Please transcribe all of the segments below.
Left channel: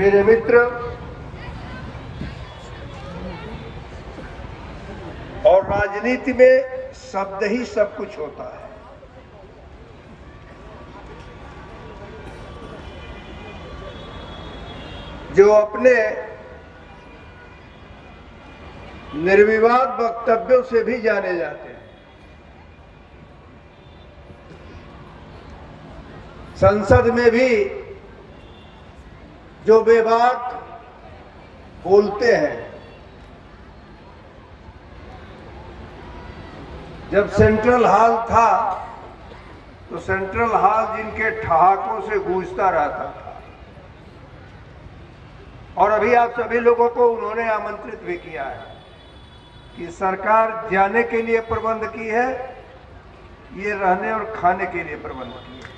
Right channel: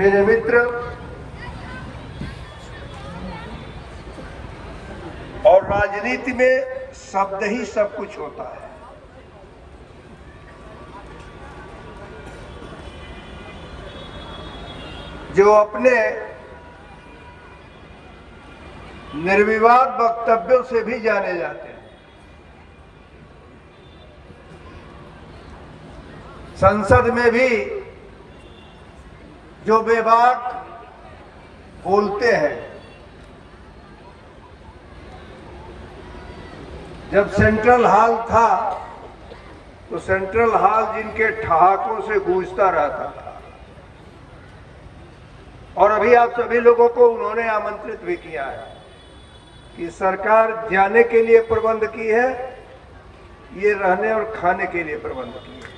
मेरे मित्र और राजनीति में शब्द ही सब कुछ होता है। जो अपने निर्विवाद वक्तव्यों से भी जाने जाते हैं, संसद में भी जो बेबाक बोलते हैं, जब सेंट्रल हॉल था तो सेंट्रल हॉल जिनके ठहाकों से गूंजता रहता था, और अभी आप सभी लोगों को उन्होंने आमंत्रित भी किया है कि सरकार जाने के लिए प्रबंध की है, ये रहने और खाने के लिए प्रबंध की है।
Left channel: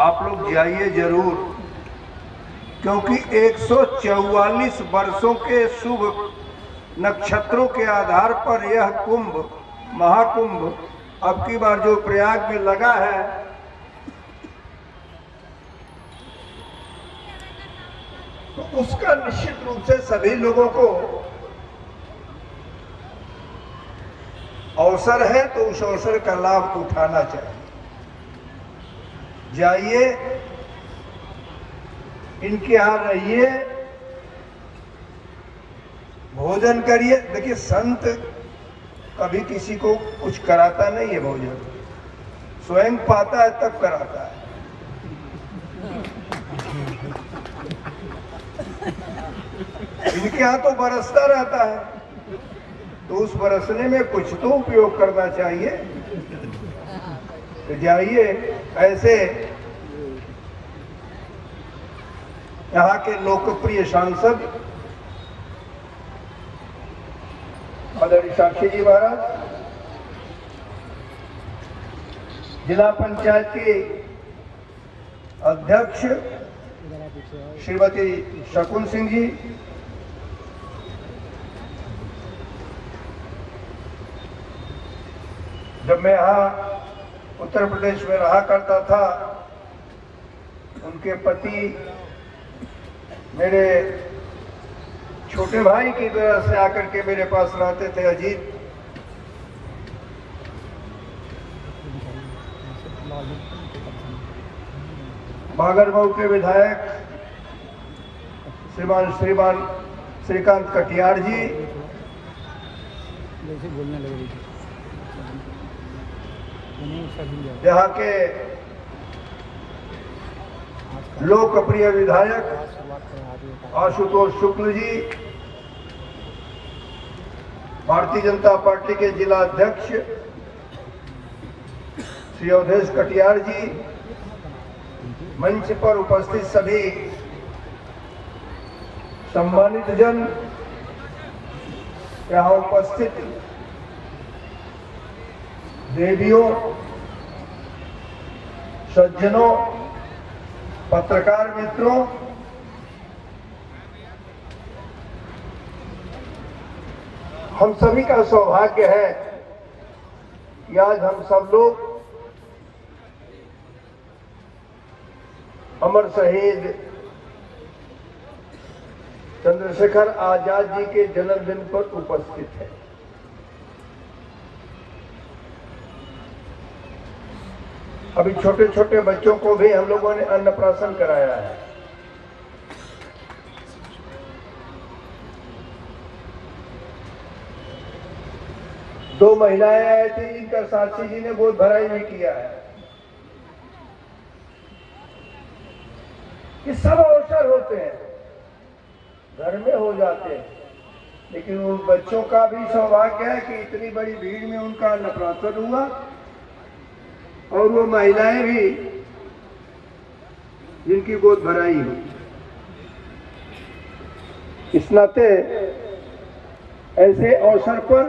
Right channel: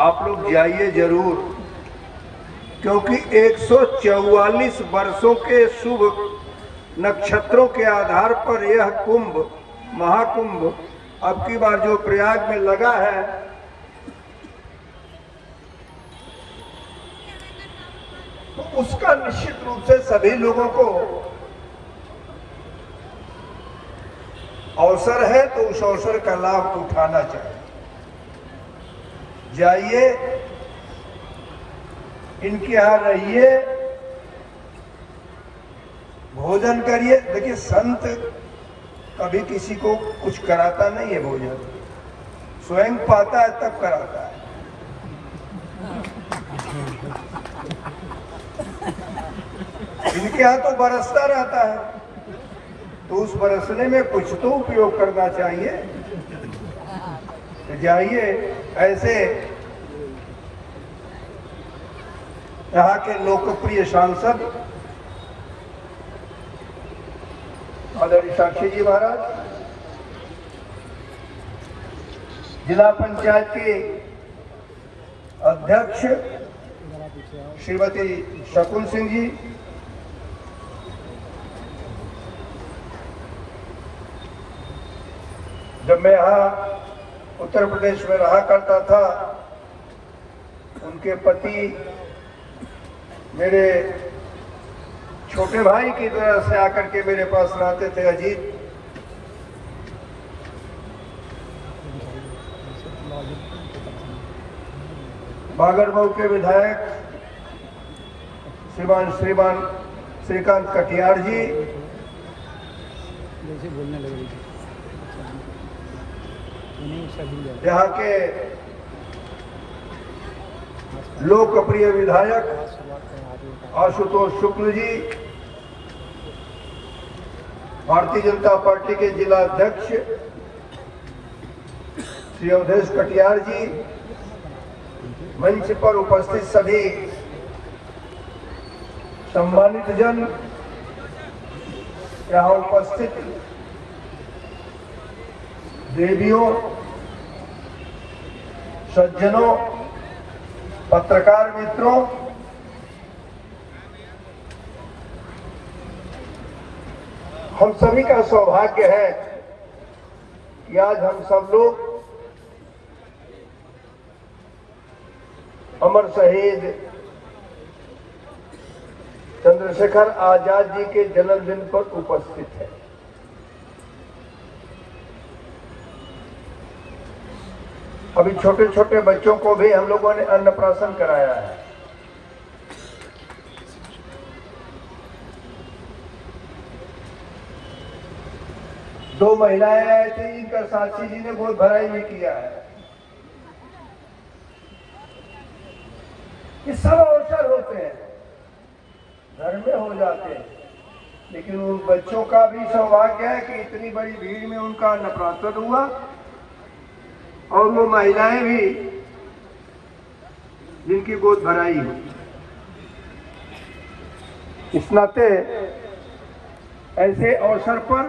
आप लोग जाइए जरूर, क्योंकि 144 वर्षों के शुभ नक्षत्रों के आधार पर यह कुंभ, महाकुंभ अब की बार जो प्रयाग में लगा है, तो उसका निश्चित रूप से सभी लोगों को अवसर है, तो उस अवसर का लाभ उठाना चाहिए। जाइए, इनके यहां रहिए, भोजन करिए। देखिए, संत कभी किसी को कुछ कराता नहीं है, भोजन स्वयं पाता है तब कराता है। इनके यहां तो बरसता रहता है, तो उस बरसने में कुछ तो उपयोग करना चाहिए। तो जाइए, ऐसे यहाँ के लोकप्रिय सांसद आदरणीय साक्षी जी महाराज, जिला पंचायत के अध्यक्ष श्रीमती शकुन सिंह जी, जब मैं यहाँ उत्तर प्रदेश में रहा करता था, उनके पति मेरे छोटे भाई की तरह से आकर के मेरे पास रहते थे, अजीत। बागरमऊ के विधायक श्रीमान श्रीकांत कटियार जी, यहाँ के लोकप्रिय विधायक आशुतोष शुक्ल जी, भारतीय जनता पार्टी के जिला अध्यक्ष श्री अवधेश कटियार जी, मंच पर उपस्थित सभी सम्मानित जन, यहाँ उपस्थित देवियों, सज्जनों, पत्रकार मित्रों, हम सभी का सौभाग्य है कि आज हम सब लोग अमर शहीद चंद्रशेखर आजाद जी के जन्मदिन पर उपस्थित हैं। अभी छोटे छोटे बच्चों को भी हम लोगों ने अन्नप्राशन कराया है। दो महिलाएं आए थे, जिनका साक्षी जी ने गोद भराई में किया है। ये सब अवसर होते हैं, घर में हो जाते हैं, लेकिन उन बच्चों का भी सौभाग्य है कि इतनी बड़ी भीड़ में उनका अन्नप्राशन हुआ, और वो महिलाएं भी जिनकी गोद भराई है। इस नाते ऐसे अवसर पर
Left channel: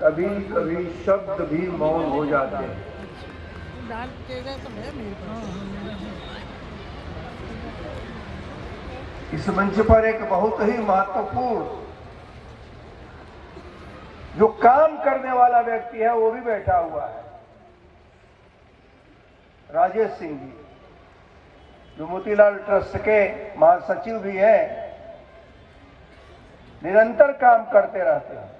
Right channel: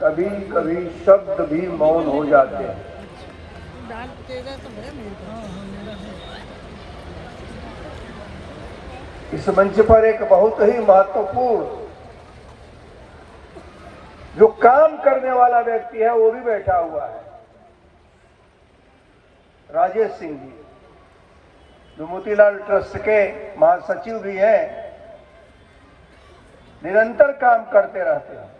कभी कभी शब्द भी मौन हो जाते हैं। इस मंच पर एक बहुत ही महत्वपूर्ण जो काम करने वाला व्यक्ति है वो भी बैठा हुआ है। राजेश सिंह जी, जो मोतीलाल ट्रस्ट के महासचिव भी हैं, निरंतर काम करते रहते हैं।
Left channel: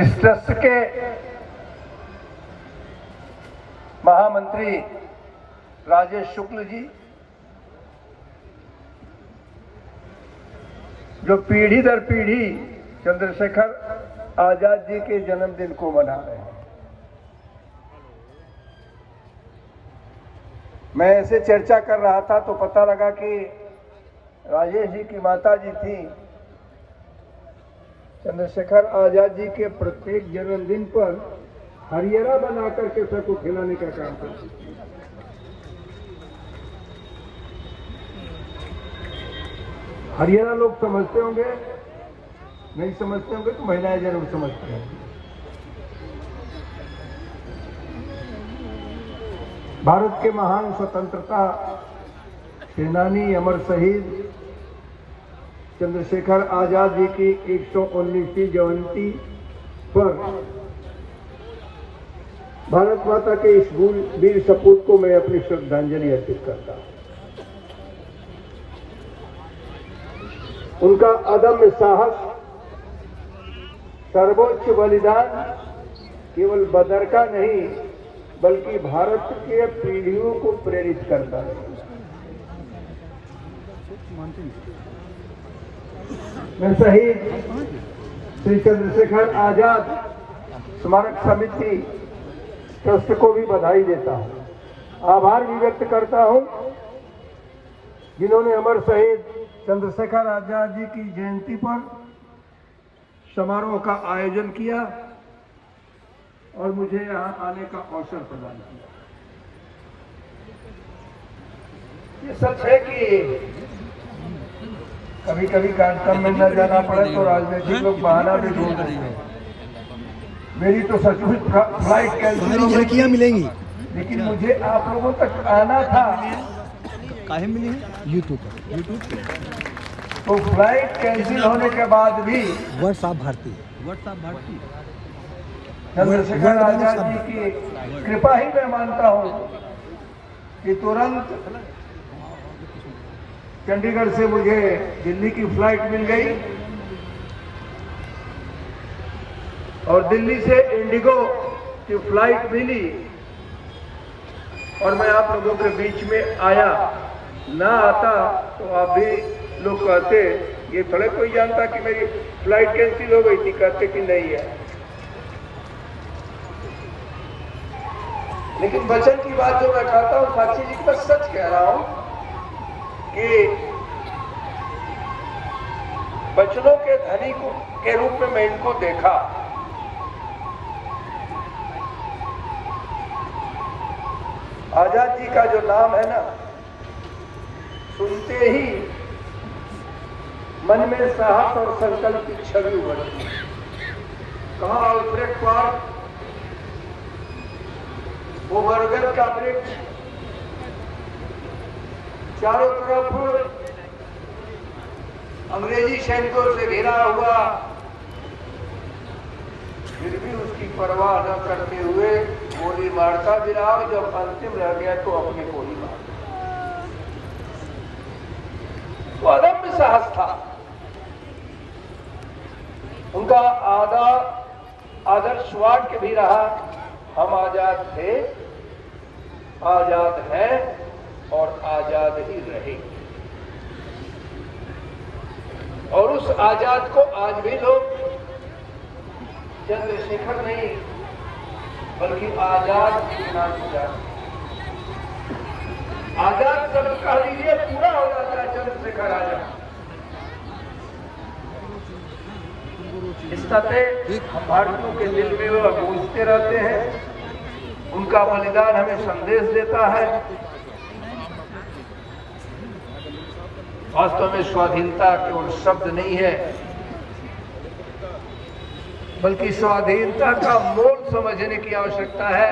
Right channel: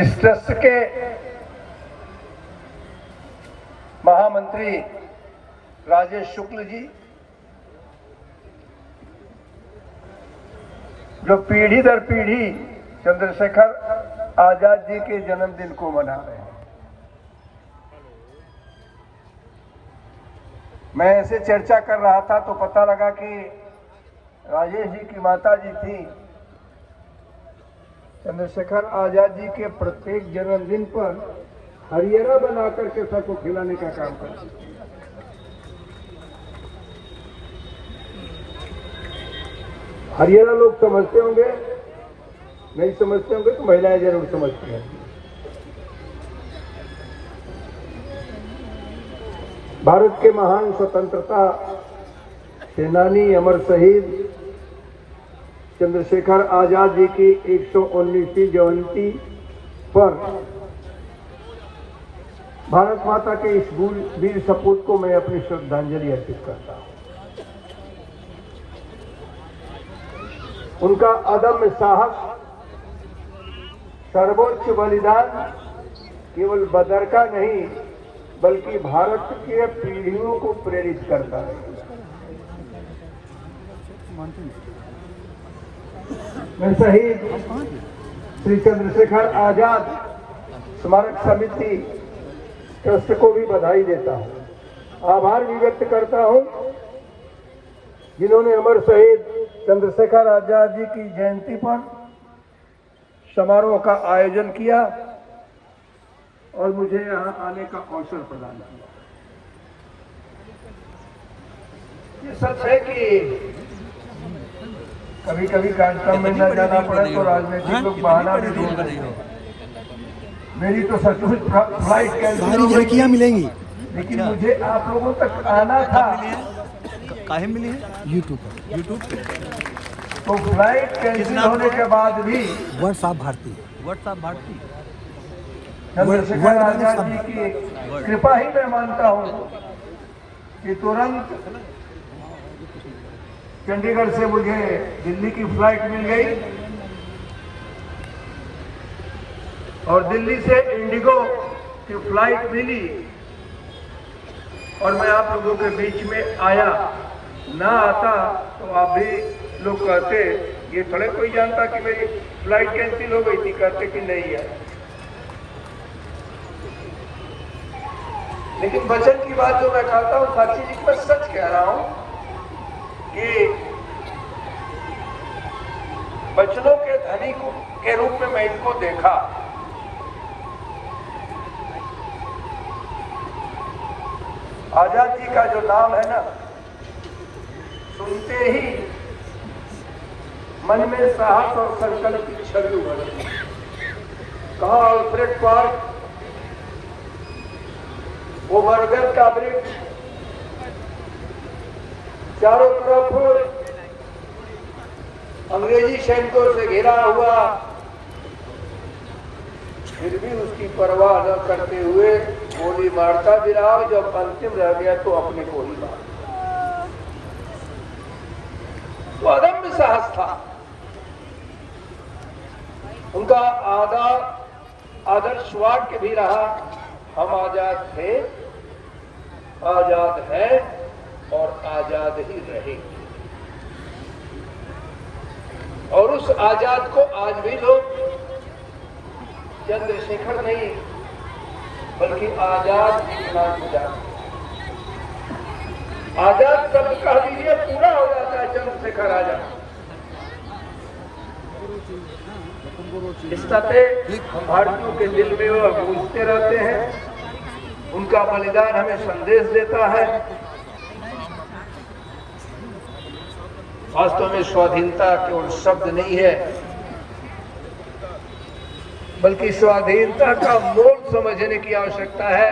इस ट्रस्ट के महामंत्री राजेश शुक्ल जी, जो पीढ़ी दर पीढ़ी चंद्रशेखर आजाद जी के जन्मदिन को मना रहे हैं। मैं ऐसे चर्चा कर रहा था तो पता लगा कि राजेश जी की माता जी थी, चंद्रशेखर आजाद जी के प्रत्येक जन्मदिन पर हरियरा बना करके सबको खिलाने का काम करती थी। हरियाणा लोग समझते होंगे, नहीं समझते होंगे तो महिलाएं जरूर समझती हैं। भारत के महान स्वतंत्रता सेनानी अमर शहीद चंद्रशेखर आजाद जी की 119वीं जयंती पर भारत माता के इस वीर सपूत को मैं अपनी श्रद्धांजलि अर्पित करता हूं। उनका अदम्य साहस, सर्वोच्च बलिदान केवल बदर का नहीं बल्कि भारत के पीढ़ियों को प्रेरित करता है। मैं शहीद श्री चंद्रशेखर आजाद स्मारक समिति ट्रस्ट को भी बधाई देता हूं, आभार भी व्यक्त करता हूं, जिन्होंने अमर शहीद चंद्रशेखर आजाद जी की जयंती पर समारोह का आयोजन किया और मुझे यहां आने का अवसर प्रदान किया। ये सच है कि कभी कभी कार्यक्रम में न जाना पड़े तो राजनीतिक लोग बहाना भी ढूंढते हैं। मेरी तो सचमुच फ्लाइट सारी झलकियां मिलेंगी, लेकिन मुझे आप लोगों तक आना था यूट्यूब तो फ्लाइट कैंसिल होने के बाद भी व्हाट्सएप भारती चंद्रशेखर आजाद जी की कृपा ही मैं मानता हूं कि तुरंत चंडीगढ़ से मुझे दिल्ली की फ्लाइट मिल गई और दिल्ली से इंडिगो की फ्लाइट मिली और मैं आप लोगों के बीच में आया। ना आता तो आप भी लोग कहते, ये थोड़े कोई जानता कि मेरी फ्लाइट कैंसिल हो गई थी, कहते कि नहीं है। लेकिन वचन की बात जो मैं कहता हूँ साक्षी जी, मैं सच कह रहा हूं कि वचनों के धनी के रूप में मैं इनको देखा। आजाद जी का जो नाम है ना, सुनते ही मन में साहस और संकल्प की छवि उभरती है। कहा अल्फ्रेड पार्क, वो बरगद का वृक्ष, चारों तरफ अंग्रेजी सैनिकों से घिरा हुआ, फिर भी उसकी परवाह न करते हुए गोली मारता गिरा। जब अंतिम रह गया तो अपनी गोली मार। तो अदम्य साहस था उनका। आदर्श वाक्य भी रहा, हम आजाद थे, आजाद हैं और आजाद ही रहेंगे। और उस आजाद को आज भी लोग चंद्रशेखर नहीं बल्कि आजाद के नाम से जानते। आजाद जब कह दीजिए पूरा हो जाता है चंद्रशेखर आजाद। इस नाते हम भारतीयों के दिल में वो गूंजते रहते हैं। उनका बलिदान हमें संदेश देता है। वास्तव में स्वाधीनता केवल शब्द नहीं है बल्कि स्वाधीनता का मोल समझने की आवश्यकता है,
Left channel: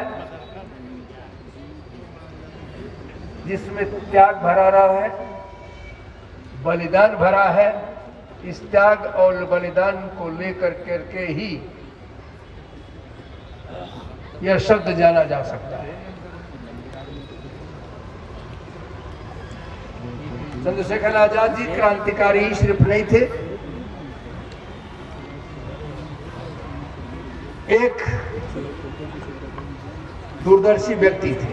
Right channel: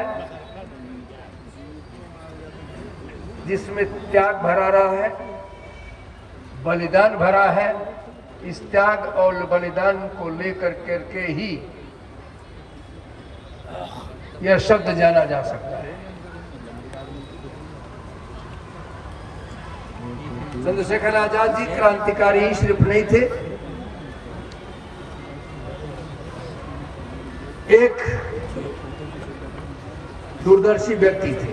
जिसमें त्याग भरा रहा है, बलिदान भरा है इस त्याग और बलिदान को लेकर करके ही यह शब्द जाना जा सकता है। चंद्रशेखर आजाद जी क्रांतिकारी सिर्फ नहीं थे, एक दूरदर्शी व्यक्ति थे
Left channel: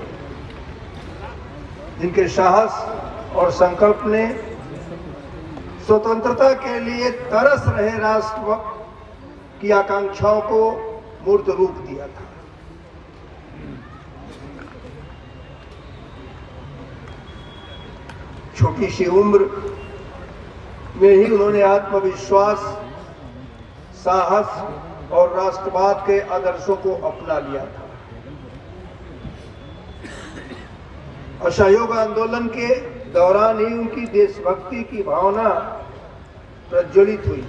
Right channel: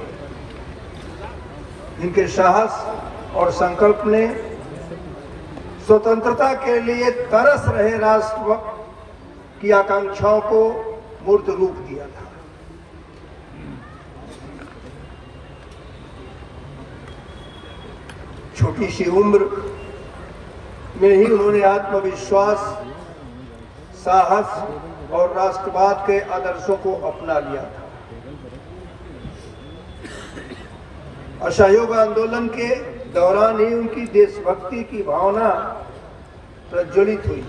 जिनके साहस और संकल्प ने स्वतंत्रता के लिए तरस रहे राष्ट्र की आकांक्षाओं को मूर्त रूप दिया था। छोटी सी उम्र में ही उन्होंने आत्मविश्वास, साहस और राष्ट्रवाद के आदर्शों को अपना लिया था। असहयोग आंदोलन के दौरान ही उनकी देशभक्ति की भावना प्रज्वलित हुई।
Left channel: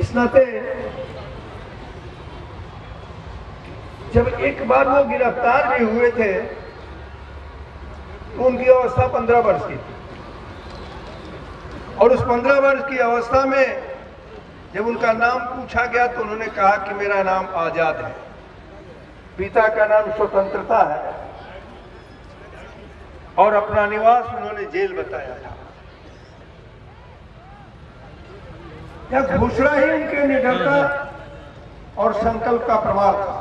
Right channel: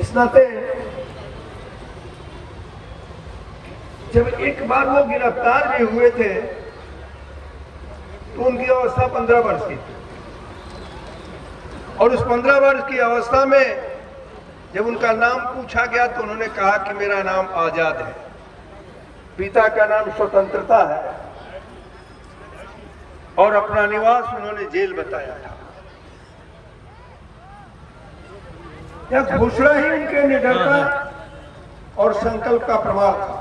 इस नाते जब एक बार वो गिरफ्तार भी हुए थे तो उनकी अवस्था 15 वर्ष की थी, और उस 15 वर्ष की अवस्था में जब उनका नाम पूछा गया तो उन्होंने कहा कि मेरा नाम आजाद है, पिता का नाम स्वतंत्रता है, और अपना निवास उन्होंने जेल बताया था। यह घोषणा ही उनके निडरता और संकल्प का प्रमाण था,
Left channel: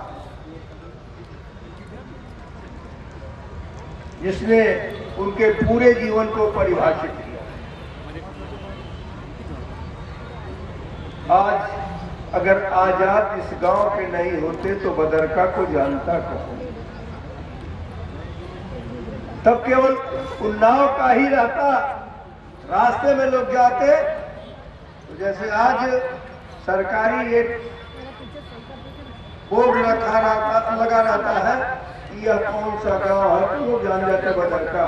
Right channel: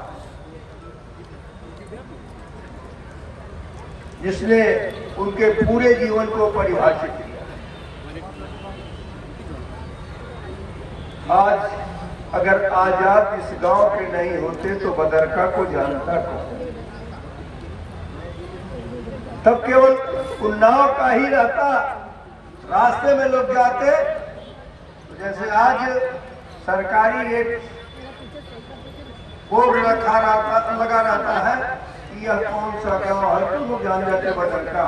जिसने उनके पूरे जीवन को परिभाषित किया। आज अगर आजाद इस गांव के नहीं होते तो बदरका को जानता कौन? तब केवल उन्नाव का ही रहता, रास्ते में लोग जाते, जैसे आज सरकारी रेट बोर्ड लगा रहता है कि यह कौन सा गाँव है, तो लोग जान जाते बदरका।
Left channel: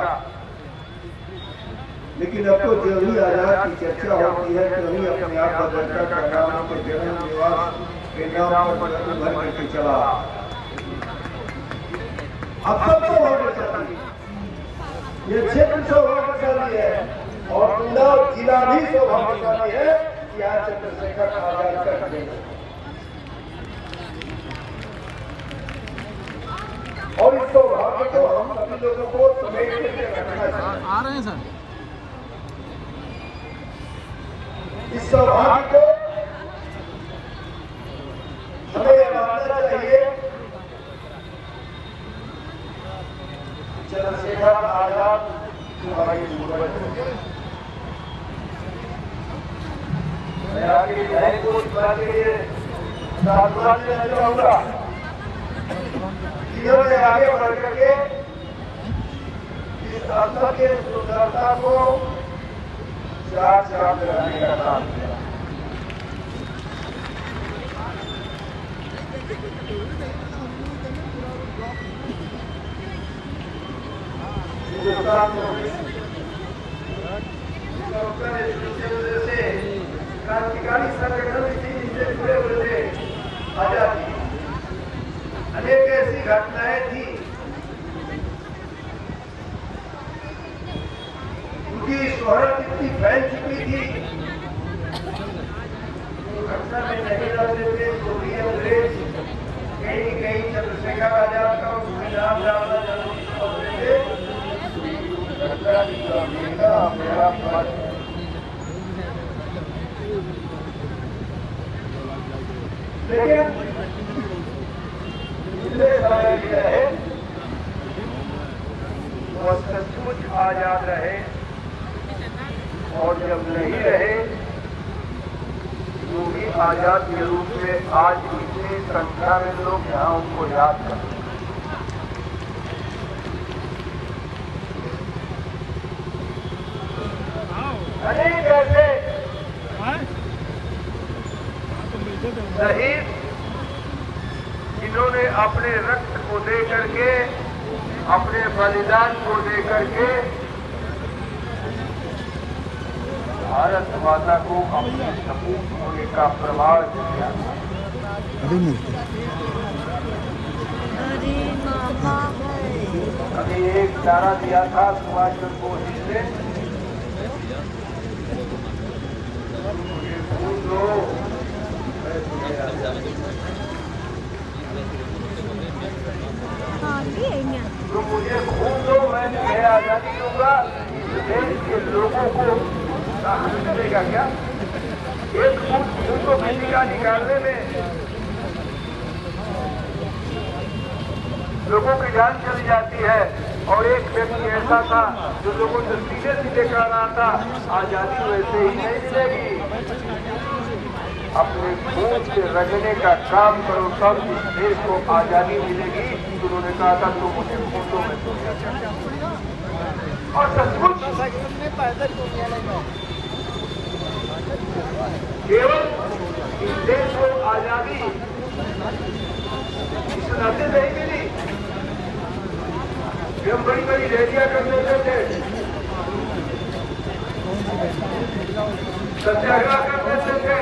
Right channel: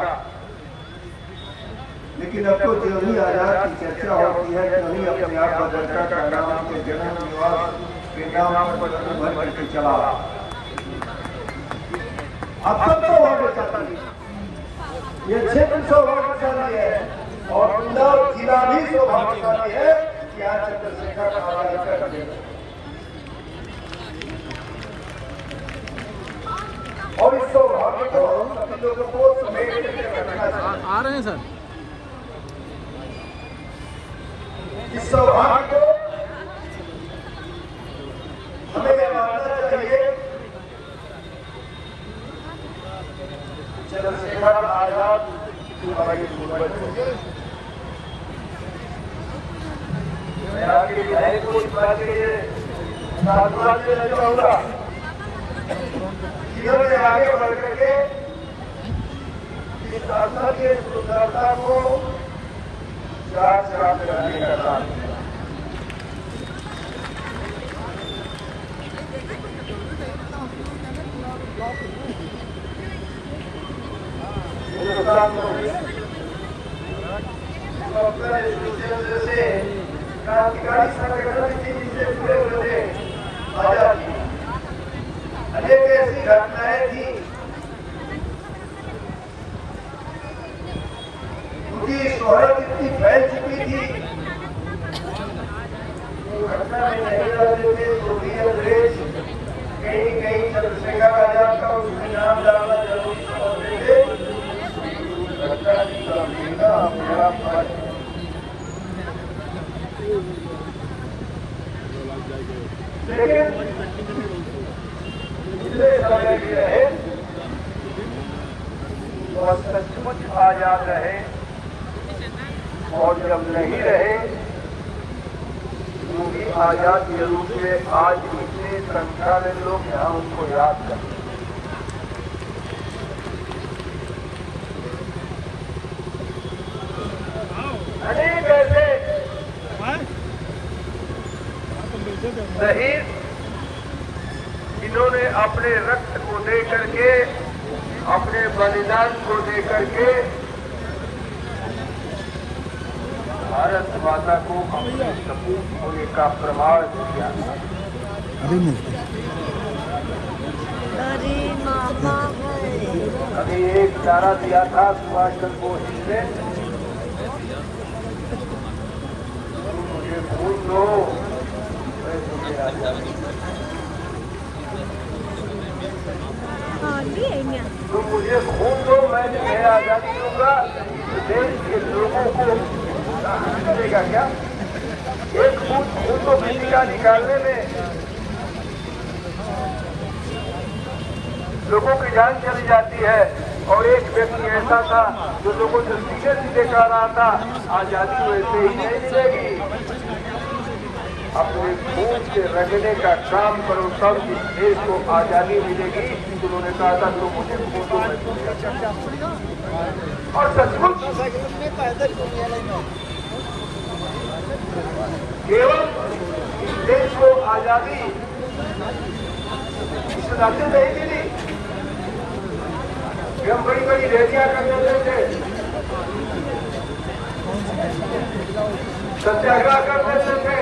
लेकिन अब तो जो भी आजाद की चर्चा होती है तो ही अपने आप बदरका का नाम के जन्म निवास के नाम पर भर करके चला। अब तो सौभाग्यशाली, ये क्षेत्र सौभाग्यशाली है और जिला भी सौभाग्यशाली है कि आज चंद्रशेखर आजाद का बनेगा। और इस सौभाग्य को आ रहे हैं सर। इस सौभाग्य चाहिए चंद्रशेखर आजाद की हमारी जरूरत है। आगे विधायक को इस बात के लिए साधुवाद देना चाहूंगा, जिन्होंने आगे बढ़ करके इस अवसर की सुंदरता को राजकाज करने का काम किया। से क्रांतिकारी संगठन से जुड़े हुए थे आजाद जी। अनेक ऐसी घटनाएं थी, उनकी शोहरत इतनी फैल चुकी थी, घटना में नहीं रहते थे तो भी अंग्रेज कहीं कहीं चंद्रशेखर आजाद का उसमें नाम डालना जरूरी समझते थे। लेकिन जितने समय भी रहे वह सचमुच आजाद रहे, और जब नहीं रहे वो भी आजाद के रूप में आज इतनी संख्या में लोग यहाँ उनको याद करते हैं। अनेक ऐसे शहीद जिन्होंने अपने रक्त को दे करके, अपने बलिदान को दे करके भारत माता को अपने सपूत होने का प्रभाव दिया। अरे मामा है। अरे एक इशारा दिया था सुभाष चंद्र बोस जी ने, मुझे खून दो मैं तुम्हें आजादी, तो मुझे खून दो मैं तुम्हें आजादी दूंगा। देश के लोगों को साहस मिलेगा क्या? एक बूंद खून तो किसी का निकालने में लोगों की जान चली जाती है। और एक व्यक्ति ऐसा था जो लोगों से सीधे सीधे कह रहा था आजादी वैसे ही नहीं मिलेगी, अपने खून से रगड़ने का काम करो तब इस देश को आजादी मिलेगी। उन्होंने कहा था लोगों के और सचमुच केवल इस देश को आजादी इस नाते नहीं मिली कि हम बड़ी बड़ी रैलियां कर देते थे, सत्याग्रह कर देते थे,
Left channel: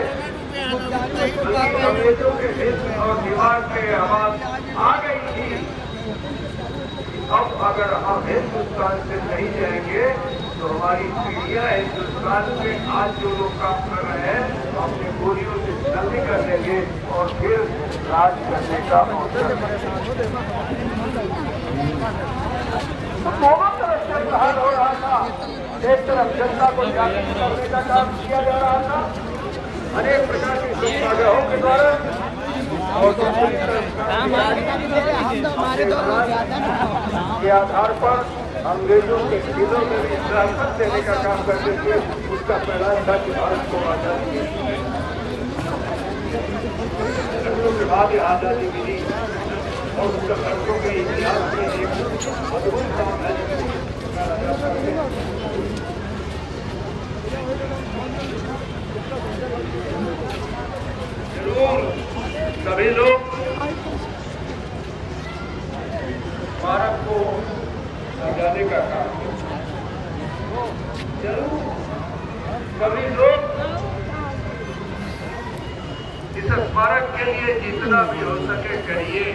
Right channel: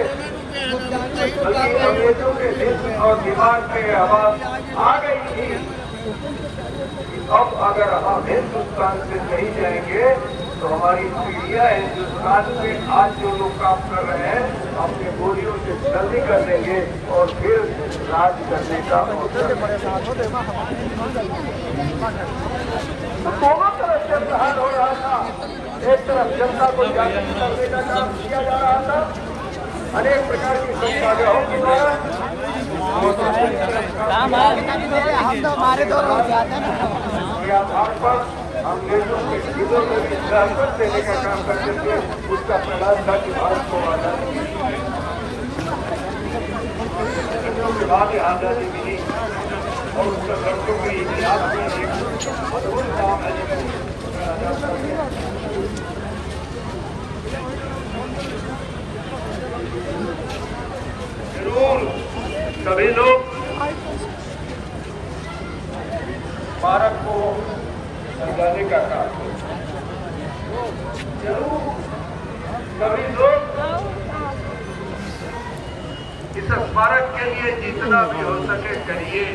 बल्कि अंग्रेजों के दिल और दिमाग में आवाज आ गई थी। अब अगर हम हिंदुस्तान से नहीं जाएंगे तो हमारी पीढ़ियां हिंदुस्तान में आज जो लोग काम कर रहे हैं अपने बोरियों से जल्दी कर देंगे और फिर राज करने का हो रहा था। एक तरफ जनता को जागरूक करने का काम किया जा रहा था अनेक प्रकार के सत्याग्रहों के द्वारा, और दूसरी तरफ के आधार पर अंग्रेजों के दिलों में विश्रामत देने का काम करते थे। उसका परिणाम था कि भारत को आजादी मिली, के बाद आजादी मिली और उसका दर्शकों के इतिहास में एक अद्भुत काम है कहा जाता है। जरूर सभी लोग भारत को समझाने का काम, जरूर सभी लोग इस स्मारक के लिए जितना भी हो सके करिए।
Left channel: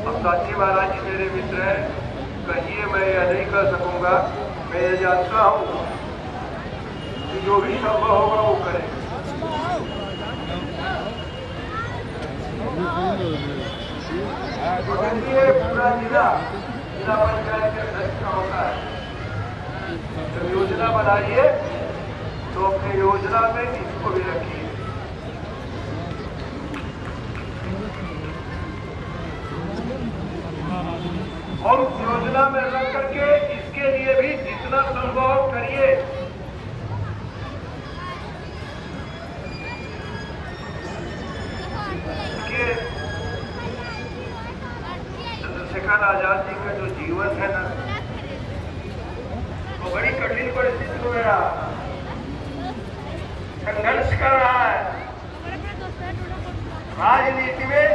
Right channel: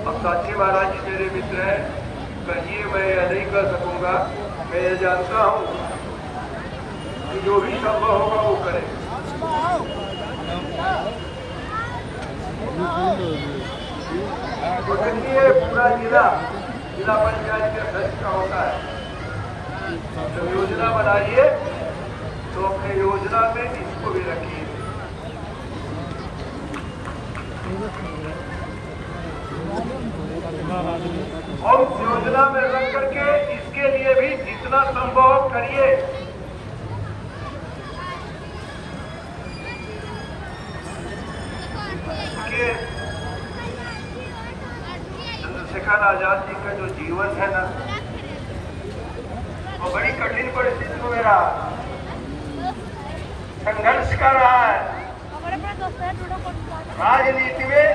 अब साक्षी महाराज जी मेरे मित्र हैं, कहिए मैं यह नहीं कर सकूंगा। मैं ये जानता हूं कि जो भी संभव होगा वो करें। पूरा जिला पंचायत के अध्यक्ष का होता है। जब योजना बनाइए तो अपनी योजना में इसको भी रखिए। और उस योजना में रख करके इसके लिए भी जितना संभव करिए। चंद्रशेखर आजाद जी का जो जीवन है ना, वो बड़ी कठिन परिस्थितियों में रहा, संघर्ष कर रहा है। राजनीति में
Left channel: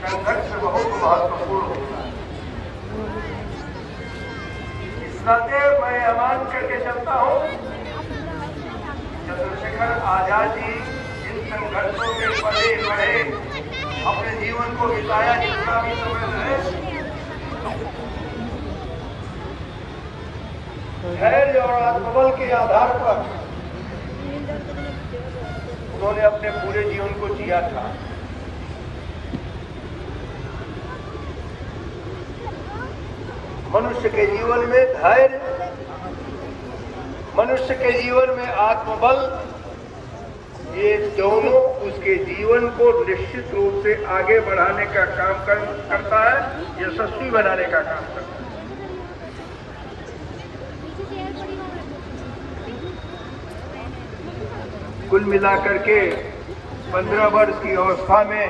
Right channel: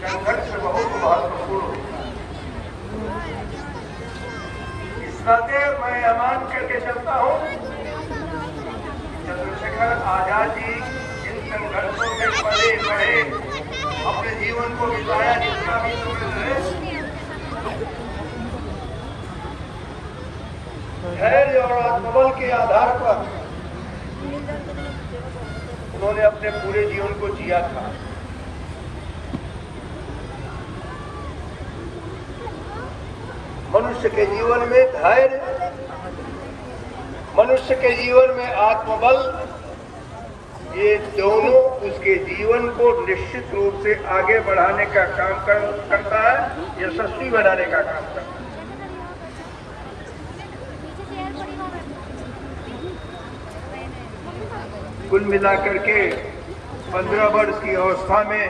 संघर्ष बहुत महत्वपूर्ण होता है। इस नाते मैं यह मान करके चलता हूँ चंद्रशेखर आजाद जी इन संघर्षों में बढ़े अपने जीवन को बिताया, जितना भी धैर्य और आत्मबल के आधार पर उन्होंने अपने पूरे जीवन को जिया था। मनुष्य के जीवन में धैर्य, मनुष्य के जीवन में आत्मबल, ये दोनों उसके जीवन को निश्चित रूप से आगे बढ़ाने का काम करता है, यशस्वी बनाने का काम करता है। कुल मिलाकर के 15 वर्ष की अवस्था में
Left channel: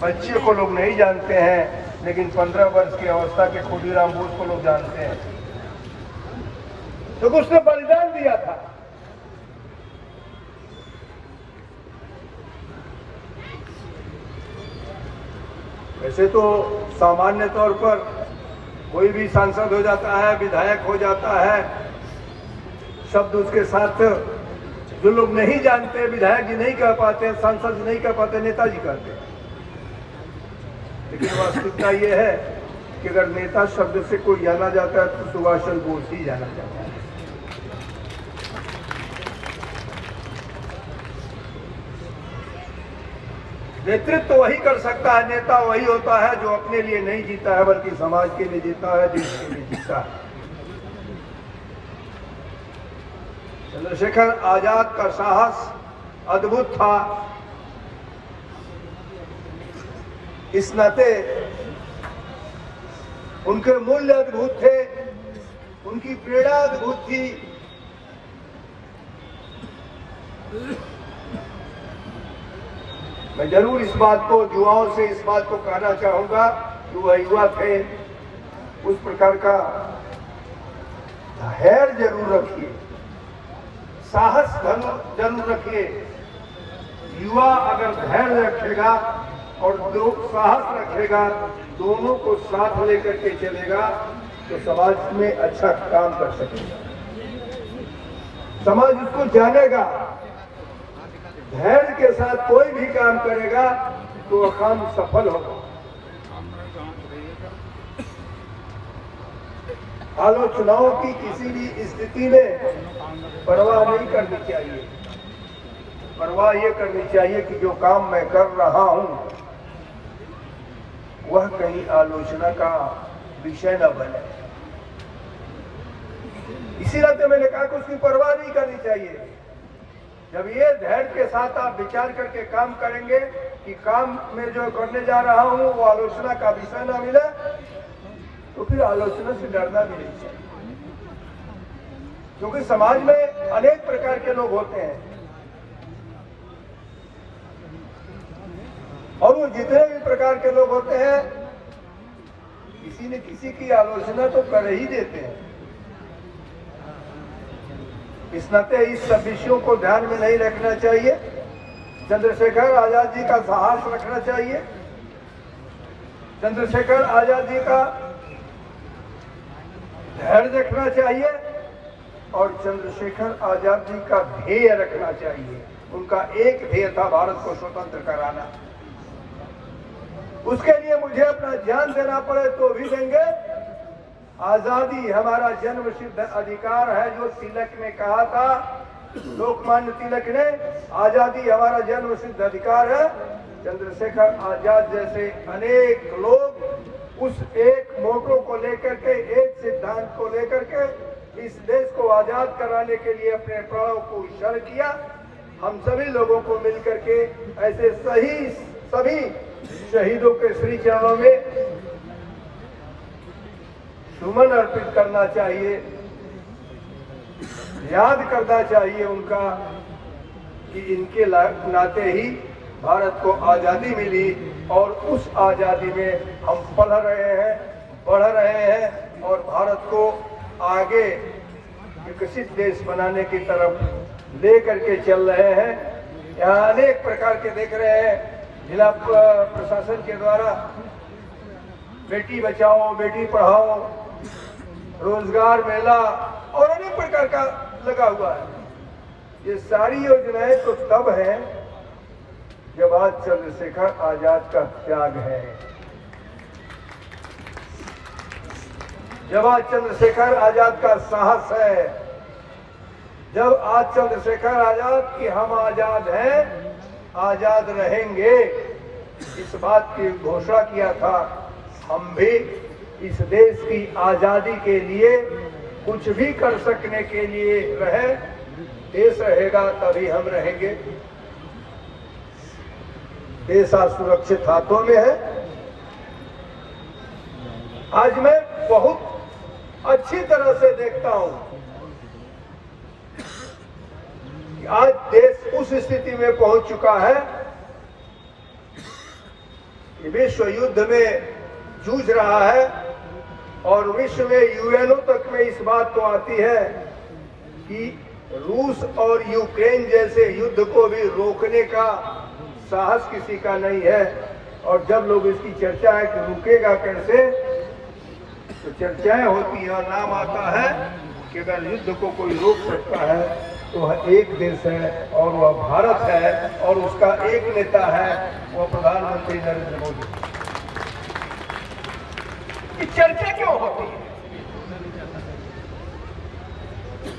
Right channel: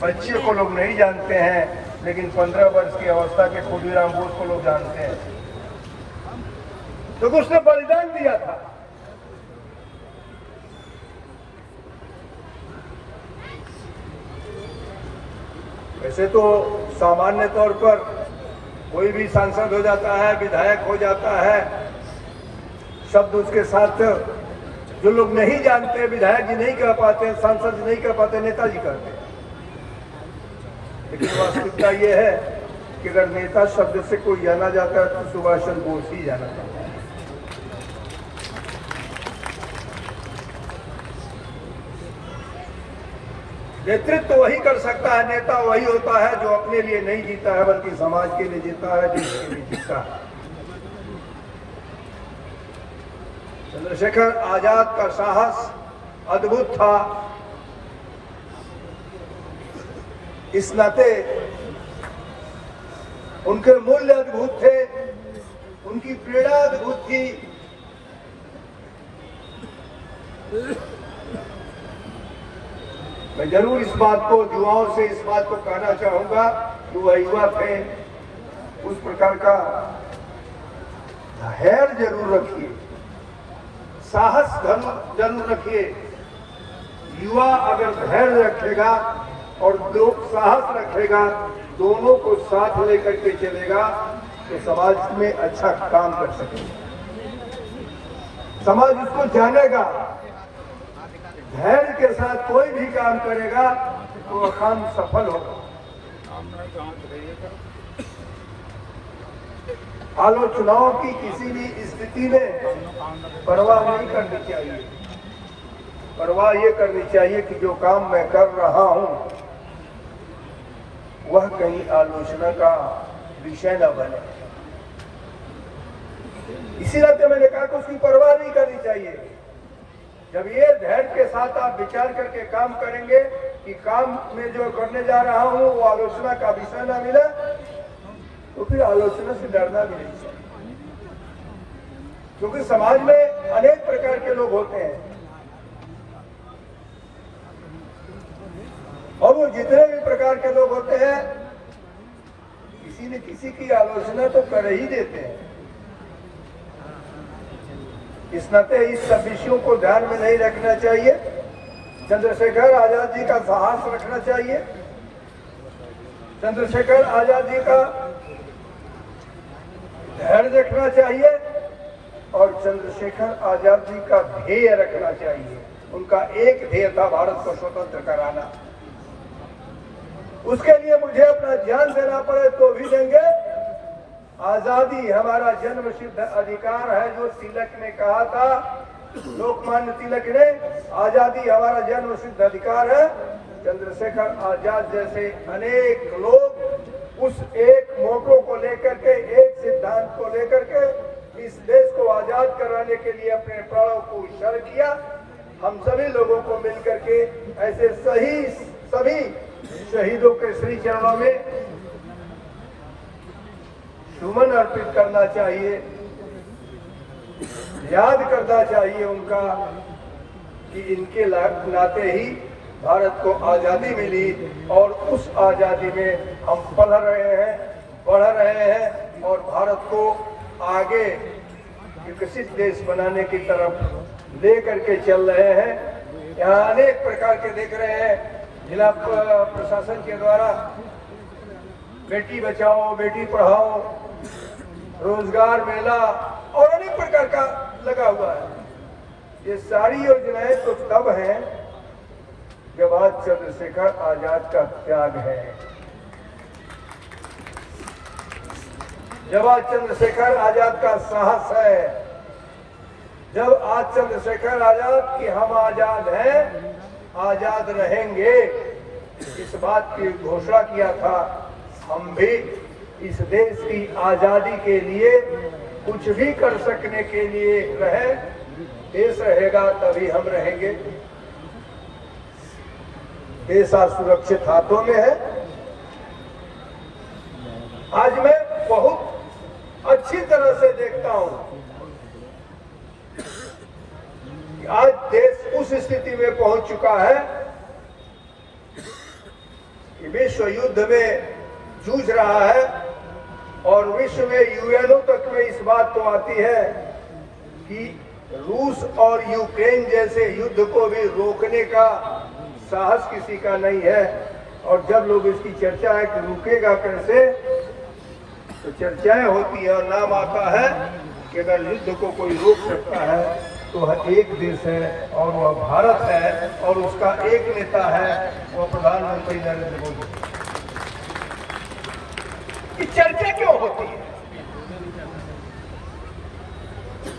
बच्चे को लोग नहीं जानते हैं, लेकिन 15 वर्ष की अवस्था के खुदीराम बोस को लोग जानते हैं, तो उसने बलिदान दिया था। वैसे तो सामान्य तौर पर कोई भी सांसद हो जाता है, विधायक हो जाता है, शब्द उसके साथ जो लोग नहीं जानते, विधायक जी नहीं कह पाते, सांसद जी नहीं कह पाते, नेताजी कहते हैं। लेकिन वास्तविकता ये है कि अगर नेता शब्द से कोई जाना जाता है तो सुभाष चंद्र बोस ही जाना जाता है। नेतृत्व तो वही कर सकता है, नेता वही होता है जो अपने लिए नहीं जीता है बल्कि समाज के लिए जीता है, देश के लिए जीता है। चंद्रशेखर आजाद का साहस अद्भुत था। इस नाते उनके मूल्य अद्भुत थे, उनकी प्रेरणा अद्भुत थी। मैं जरूर इस बात को युवाओं से इस बात को कहना चाहूंगा कि वह युवा थे, उस प्रकार का धैर्य जरूर रखिए, साहस जरूर रखिए। युवा अगर धैर्य रखेगा और साहस रखेगा, दोनों को साथ लेकर के चलेगा तो समाज में अच्छा काम कर सकेगा, समाज इसको जानेगा। धैर्य के साथ कोई भी काम करेगा तो वो काम सफल होगा। आलोचनाओं की किसी भी स्थिति में परवाह नहीं करनी चाहिए। परवाह ये करनी चाहिए कि जो काम मैं कर रहा हूं वह कहीं आलोचना का विषय न बने। इसी नाते मैंने कहा कि उसकी परवाह नहीं करनी चाहिए। जब ये धैर्य के साथ आप विचार करके काम करेंगे कि काम में जो करने जा रहा हूं वो आलोचना का विषय न मिले, तो फिर आलोचना से डरना भी नहीं चाहिए। क्योंकि समाज में अनेक प्रकार के लोग होते हैं और वो जितने भी प्रकार के लोग होते हैं किसी न किसी की आलोचना तो कर ही देते हैं। इस नाते इस सब विषयों को ध्यान में नहीं रखना चाहिए। चंद्रशेखर आजाद जी का साहस रखना चाहिए, चंद्रशेखर आजाद जी का धैर्य रखना चाहिए और चंद्रशेखर आजाद जी का ध्येय रखना चाहिए। उनका एक ध्येय था भारत को स्वतंत्र कराना। उसके लिए मुझे अपना जान देना पड़े तो भी देंगे। आजादी हमारा जन्म सिद्ध अधिकार है, जो तिलक ने कहा था, लोकमान्य तिलक ने, आजादी हमारा जन्म सिद्ध अधिकार है। चंद्रशेखर आजाद जैसे अनेक लोग उस एक मोटो को लेकर के, एक सिद्धांत को लेकर के इस देश को आजाद कराने के लिए अपने प्राणों को उत्सर्ग किया। हम सभी लोगों को मिलकर के ऐसे सभी शहीदों के श्री चरणों में सुमन अर्पित करना चाहिए, याद करना चाहिए उनका कि इनके नाते ही भारत को आजादी मिली और उस आजादी में हम पढ़ रहे हैं, बढ़ रहे हैं और भारत को आगे विकसित देश बनाने की तरफ ले करके चल रहे हैं। यहाँ अनेक प्रकार के देख रहे हैं जिला प्रशासन के द्वारा बेटी बचाओ बेटी पढ़ाओ, रोजगार मेला और अनेक प्रकार का लगा हुआ है। ये सारी योजनाएं तो तब है जब आज चंद्रशेखर आजाद का त्याग है, जब आज चंद्रशेखर आजाद का साहस है, जब आज चंद्रशेखर आजाद की हम आजाद हैं, आजाद रहेंगे, इस बात की घोषणा किया था। हम भी इस देश की आजादी के लिए कुछ भी कर सकने के लिए रहे, देश रहेगा तभी हम रहेंगे। देश आज सुरक्षित हाथों में है। आज मैं बहुत अच्छी तरह से देखता हूं कि आज देश उस स्थिति में पहुंच चुका है कि विश्व युद्ध में जूझ रहा है और विश्व में यूएनओ तक में इस बात को आती है कि रूस और यूक्रेन जैसे युद्ध को भी रोकने का साहस किसी का नहीं है। और जब लोग इसकी चर्चा है कि रुकेगा कैसे, तो चर्चाएं होती है और नाम आता है कि अगर युद्ध को कोई रोक सकता है तो वह एक देश है और वह भारत है और उसका एक नेता है वो प्रधानमंत्री नरेंद्र मोदी। ये चर्चा क्यों होती है?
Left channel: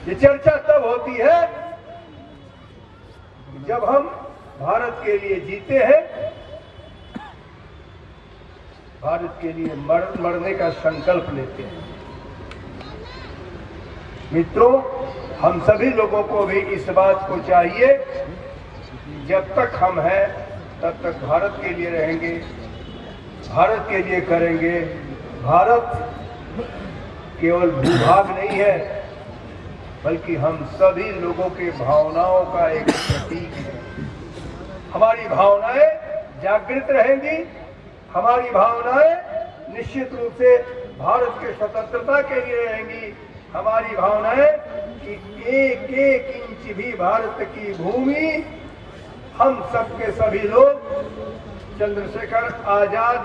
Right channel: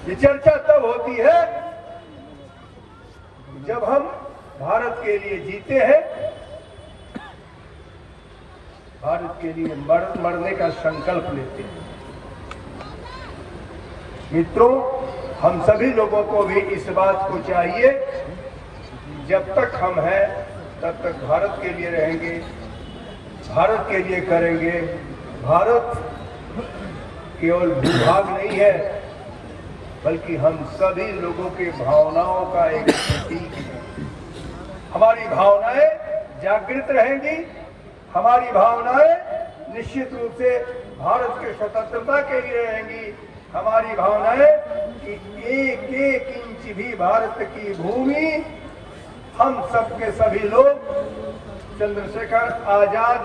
ये चर्चा तब होती है जब हम भारत के लिए जीते हैं, भारत के लिए मरने का संकल्प लेते हैं। मित्रों, हम सभी लोगों को भी इस बात को चाहिए, जब तक हम हैं तब तक भारत के लिए रहेंगे, भारत के लिए करेंगे। भारत केवल भूभाग नहीं है, बल्कि हम सभी लोगों के भावनाओं का एक प्रतीक है। हमारी भावनाएं जागृत रहेंगी, हमारी भावनाएं निश्चित रूप से भारत के स्वतंत्रता के लिए रहेंगी। हमारी भावनाएं कि एक एक इंच भी भारत की भूमि, हम सब के सभी लोग, चंद्रशेखर आजाद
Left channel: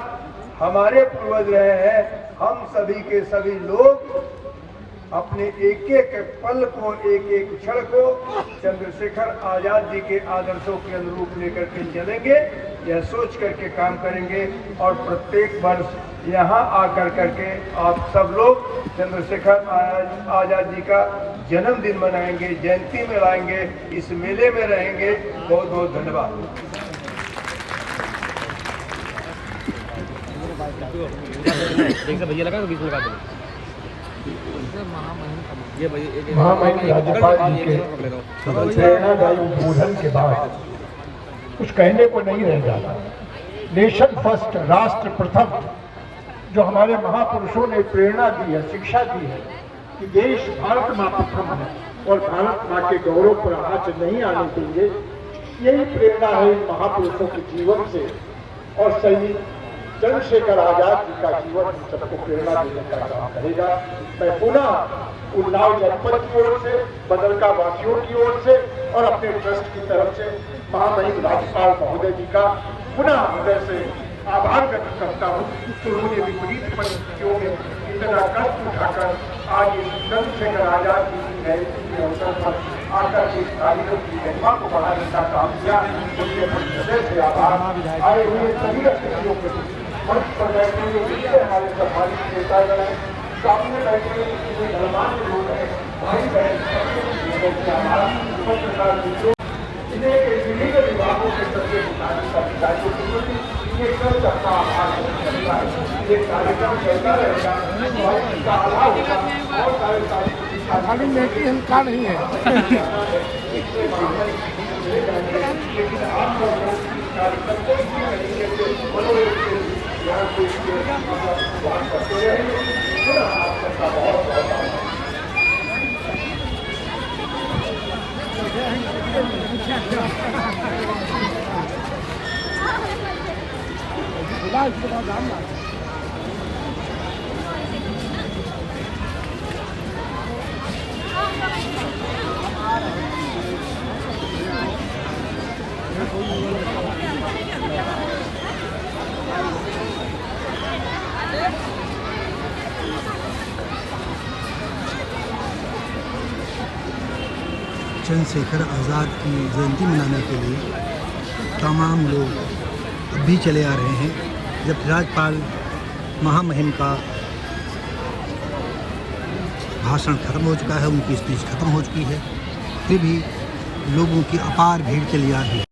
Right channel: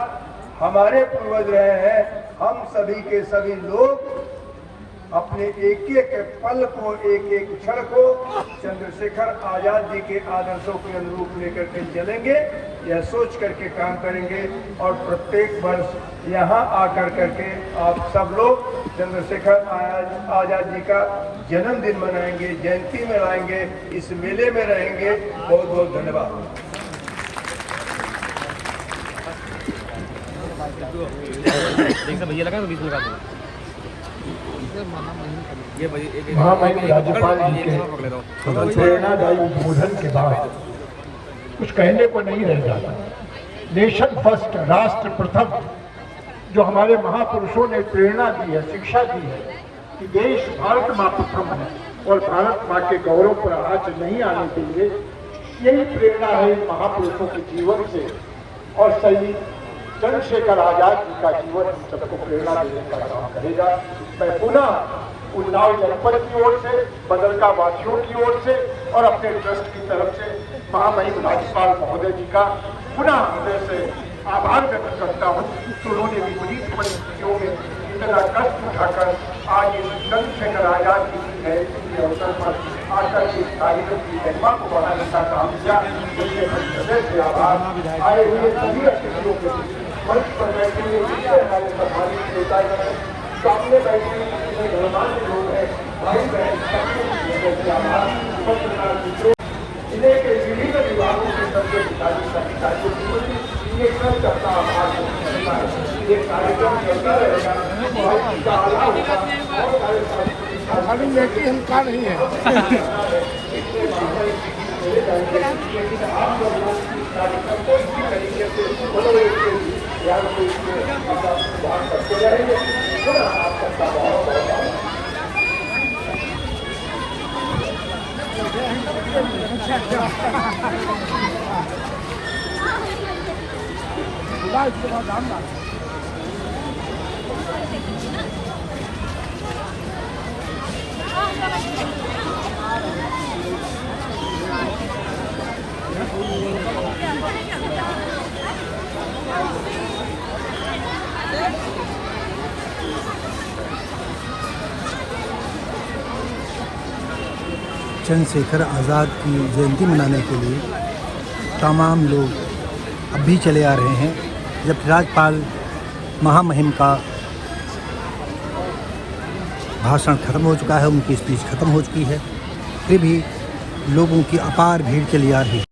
हमारे पूर्वज रहे हैं, हम सभी के सभी लोग अपने एक एक पल को, एक एक क्षण को चंद्रशेखर आजाद जी के आदर्शों के अनुरूप लेकर के चलेंगे, यह सोच करके काम करेंगे। और प्रत्येक वर्ष यहाँ आकर करके आप सब लोग चंद्रशेखर आजाद जी का जन्मदिन मनाएंगे, जयंती मनाएंगे, इस मेले में रहेंगे। बहुत बहुत धन्यवाद। महामहिम राज्यपाल जी के प्रेरणादायी उद्बोधन के बाद कुछ कहने को नहीं रह जाता। नेशन फर्स्ट, राष्ट्र प्रथम, जो हमारे महापुरुषों ने प्रेरणा दी है, शिक्षा दी है कि देश भारत माँ प्रथम है और भारत माँ के गौरव पर आँच नहीं आने चाहिए, यही प्रेरणा है इन महापुरुषों के जीवन से। और शहीद चंद्रशेखर आजाद जी का जीवन सबको प्रेरणा रहेगा। मैं पुनः उन्नाव जनपद की ओर से, बदरका वासियों की ओर से और अपने ट्रस्ट की तरफ से महामहिम राज्यपाल महोदय जी का पुनः हृदय से आभार व्यक्त करता हूँ कि उन्होंने विपरीत परिस्थितियों में इतना कष्ट उठाकर आज इस चंद्रशेखर आजाद जी की जयंती के अवसर पर आकर इस कार्यक्रम की महिमा को बढ़ाने का काम किया। इसलिए हृदय से आभार। आए हुए सभी अतिथियों को मंच पर बैठे हुए जितने हमारे प्रधानमंत्री नेतागण हैं, सामने बैठे हुए गणमान्य लोग हैं, भाई बहन, जिले के विभिन्न विभागों के सबके खाली लेटी हल्का नहीं है। चंद्रशेखर आज़ाद की जयंती मनाने के लिए तमाम लोग अब भी चले आ रहे हैं। जबकि राज्यपाल महामहिम का भाषण खत्म हो चुका है, उनकी स्पीच खत्म हो चुकी है, फिर भी लोगों की अपार भीड़ चली आ रही है।